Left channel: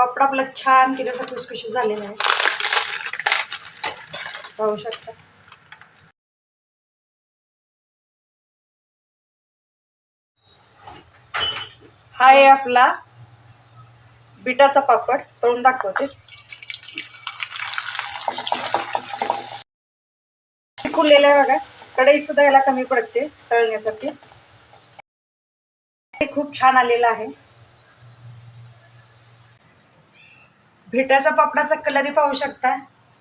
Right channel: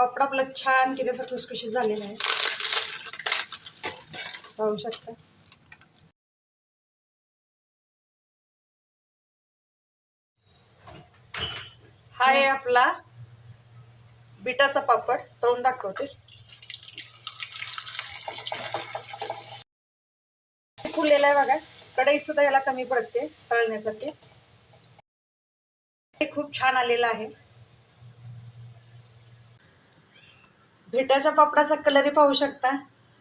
पापड आपला छान की त्याचा खुसखुशीत झालेला आहे, पाहू शकता. हा आहे आपला बिटाचा पापड, तळून दाखवते. फुललेला आहे बघा, कढई सुद्धा याला कमी पडते तळण्यासाठी. खूप छान आलेला आहे. बिटाच्या पापडाचा कलरही पाहू शकता,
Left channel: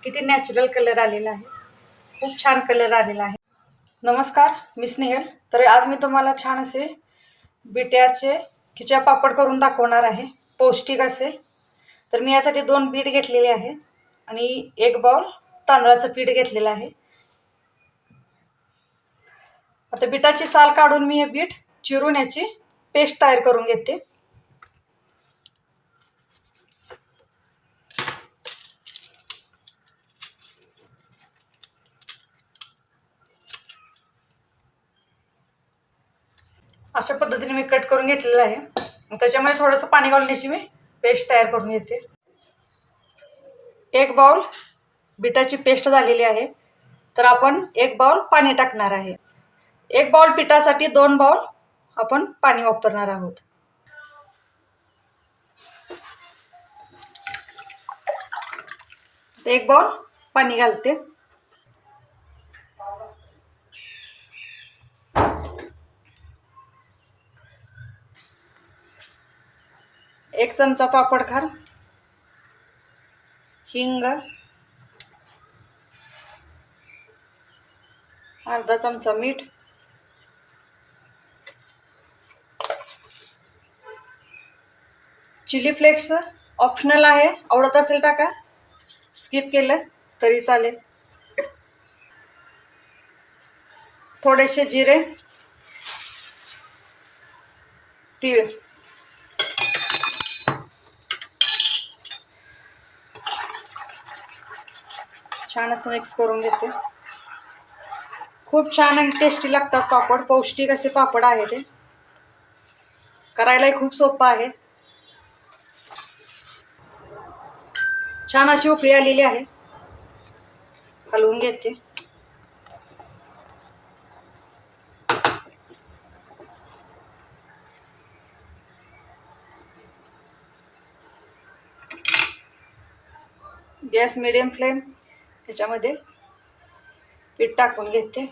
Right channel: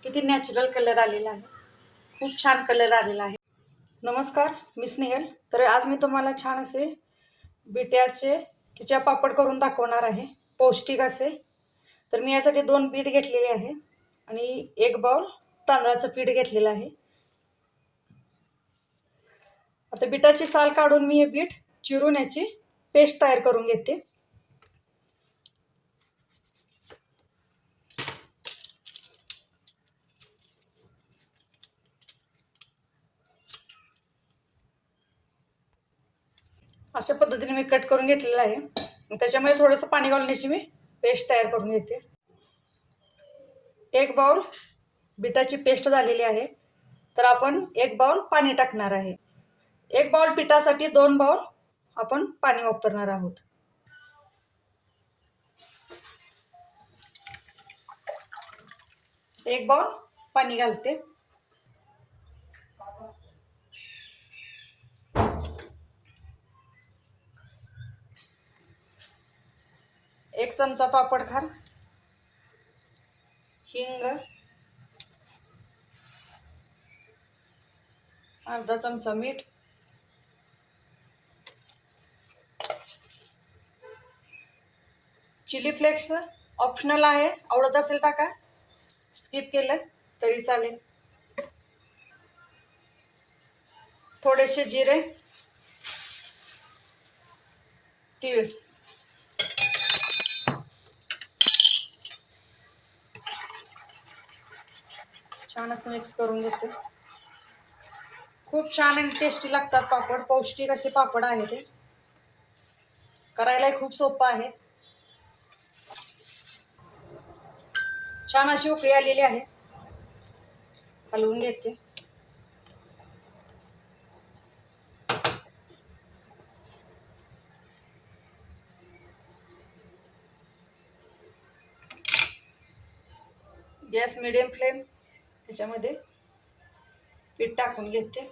किती नॅचरल कलर आलेला आहे, खूप छान कलर आलेला आहे. नमस्कार, मी स्नेहल. तर आज मी तुम्हाला छान असे बिट्याचे खिच्या पापड करून दाखवणार आहे, पौष्टिक असे. तर मी यासाठी 2 बीट घेतलेले आहे आणि 1 बाउल तांदळाचं पीठ घेतलेलं आहे. आता बिटाची साल काढून मी हे बीट चिरून याची पेस्ट तयार करून घेते. अशा पद्धतीने मी कट करून घेतलेलं आहे. त्याच्यामध्ये थोडंसं पाणी घालून याची मी पेस्ट तयार करून घेते. 1 बाउल बिटाची पेस्ट झालेली आहे, तर आपण 1 बाउल पाणी टाकणार आहे. 1 बाउल पिठासाठी 2 बाउल आपण पाणी वापरणार आहोत. एक बाउल पाणी घालते. एक चमचा पापड खार, हिंग, अर्धा चमचा मीठ, चिली फ्लेक्स ऑप्शनल आहे, आवडत असेल टाका, स्किप केलं तरी चालेल. थोडेसे जिरे, तीळ, छान असं मिक्स करून घेते. खूप छान आणि टेस्टी लागतात पापड, पौष्टिक असे पापड आहे ते. करायलाही खूप सोपं आहे. छान अशी उकळी आलेली आहे, हलवून घेते. गॅस मिडियम फ्लेम, त्याच्यामध्ये पीठ टाकून घेते.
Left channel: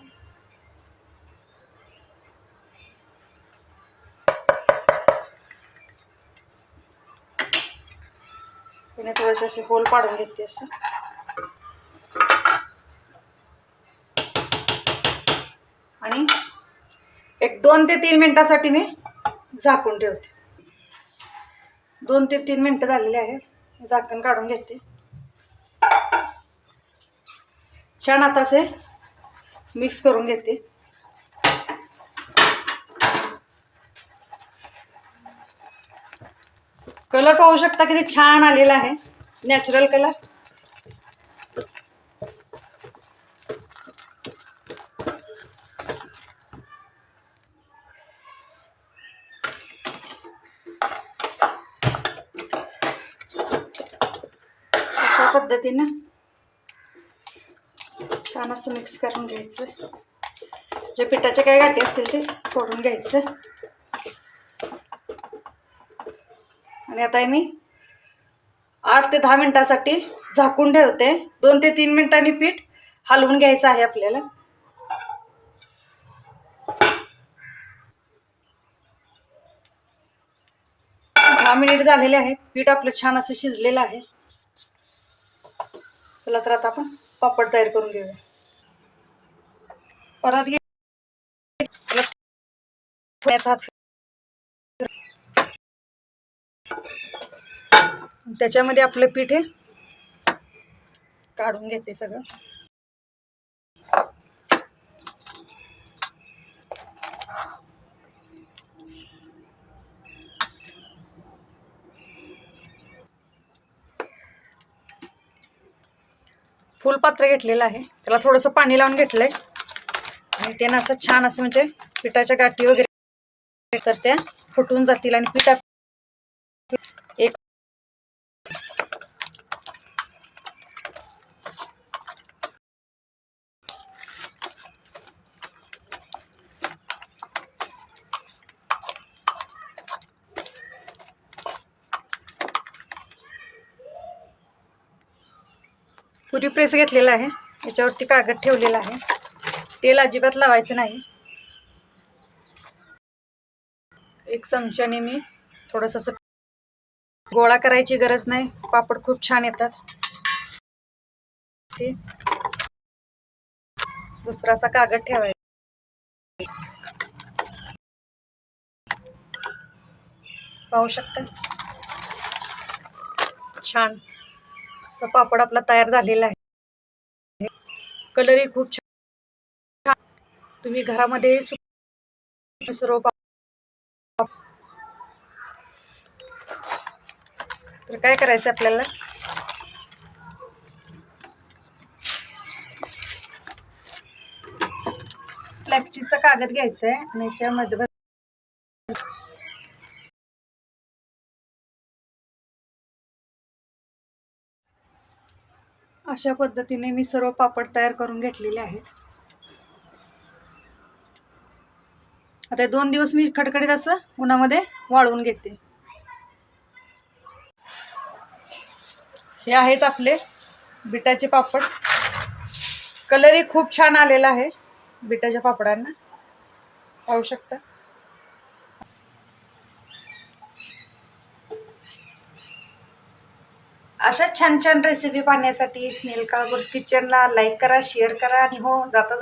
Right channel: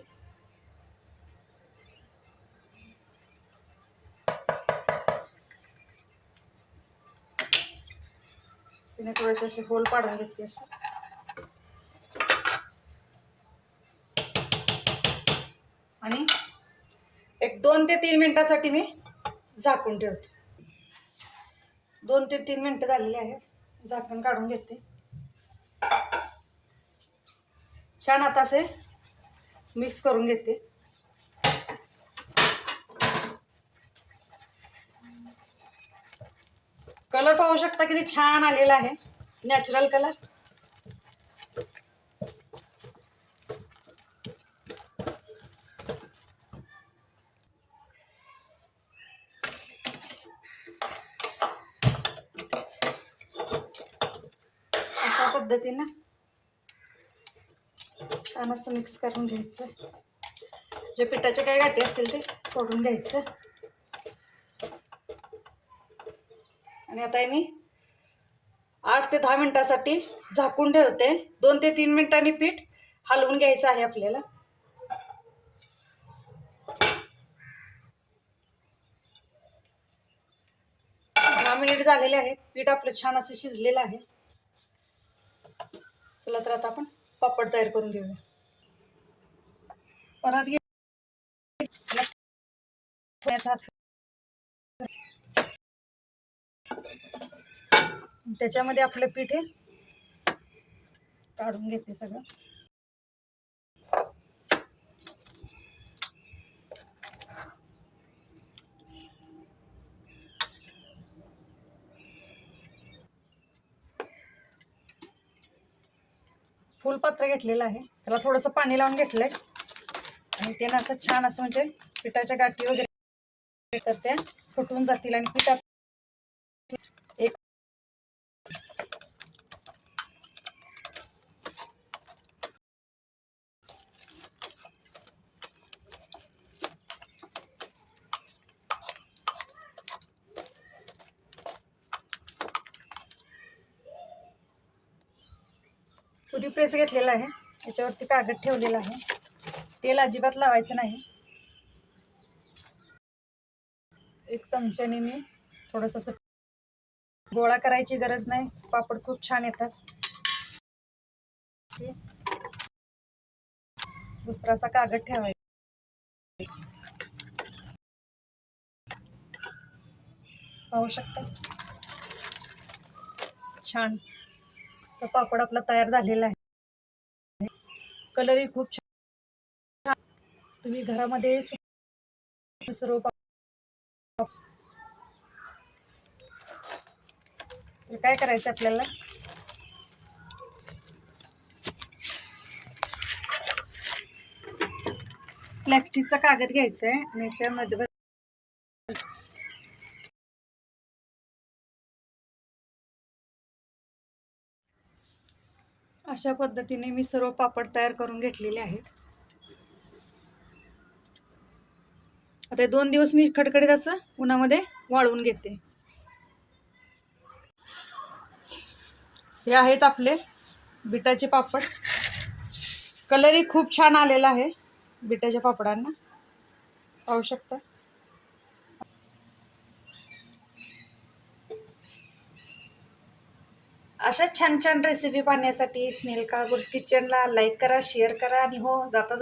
त्याने थोडेसे असे होल पाडून घेते असं. आणि एक 2 ते 3 मिनिटासाठी मी झाकून ठेवते. 2 ते 3 मिनिटं झालेले आहेत, झाकण काढून घेते. छान आता असे मिक्स करून घेते. कलर पाहू शकता किती छान आलेला आहे, नॅचरल कलर. अशा पद्धतीने छान असं मिक्स करून घ्यायचं. जे पिठाचे काही गाठी असतील ते फोडून घ्यायचं. आणि आता मी 8 ते 10 मिनिटासाठी झाकून ठेवते. 2 ते 3 मिनिटांनी पीठ हलवून घ्यायचं आहे आपल्याला. 10 मिनिट झालेले आहेत, पीठ आपलं छान असं शिजलेलं आहे. चला तर आता आपण पापड तयार करून घेऊया. परत त्याच्यामध्ये आपलं पीठ हे काढून घेते सगळं. फुलपात्र घेतलेलं आहे, त्याला थोडंसं पाणी लावून घेतलंय आणि त्यानं असं छान असं म्हणजे पिठाच्या गाठी वगैरे तर त्या फुटून जातील. आणि पिठात एक पुरी प्रेस घेतलेला आहे, याच्यावरती कागद ठेवलेला आहे. तेल अजिबात लावायचं नाही. एक चमच्याने मी थोडंसं असं गोळा करायची गरज नाही, पापड खूप छान येतात. ते दुसरा असा कागद ठेवायचा. पाहू शकता छान असा पापड आपला तयार झालेला आहे. कलरही खूप छान. तुम्ही घरामध्ये सर्व तर काय करायचं आपल्याला, प्लॅस्टिकचा कागद घ्यायचा आहे आणि याच्यामध्ये अशा पद्धतीने मी सर्व पापड तयार करून घेतलेले आहेत. आता 2 दिवस मी खडखडीत असं उन्हामध्ये वाळवून घेते. हे आहेत आपले बिटाचे पापड. कलरही खूप छान आलेला आहे बिटाच्या पापडांना, पाहू शकता. अशा छान छान रेसिपी पाहण्यासाठी स्नेहल काळभोर किचनला लाईक करा, शेअर करा आणि हो जाता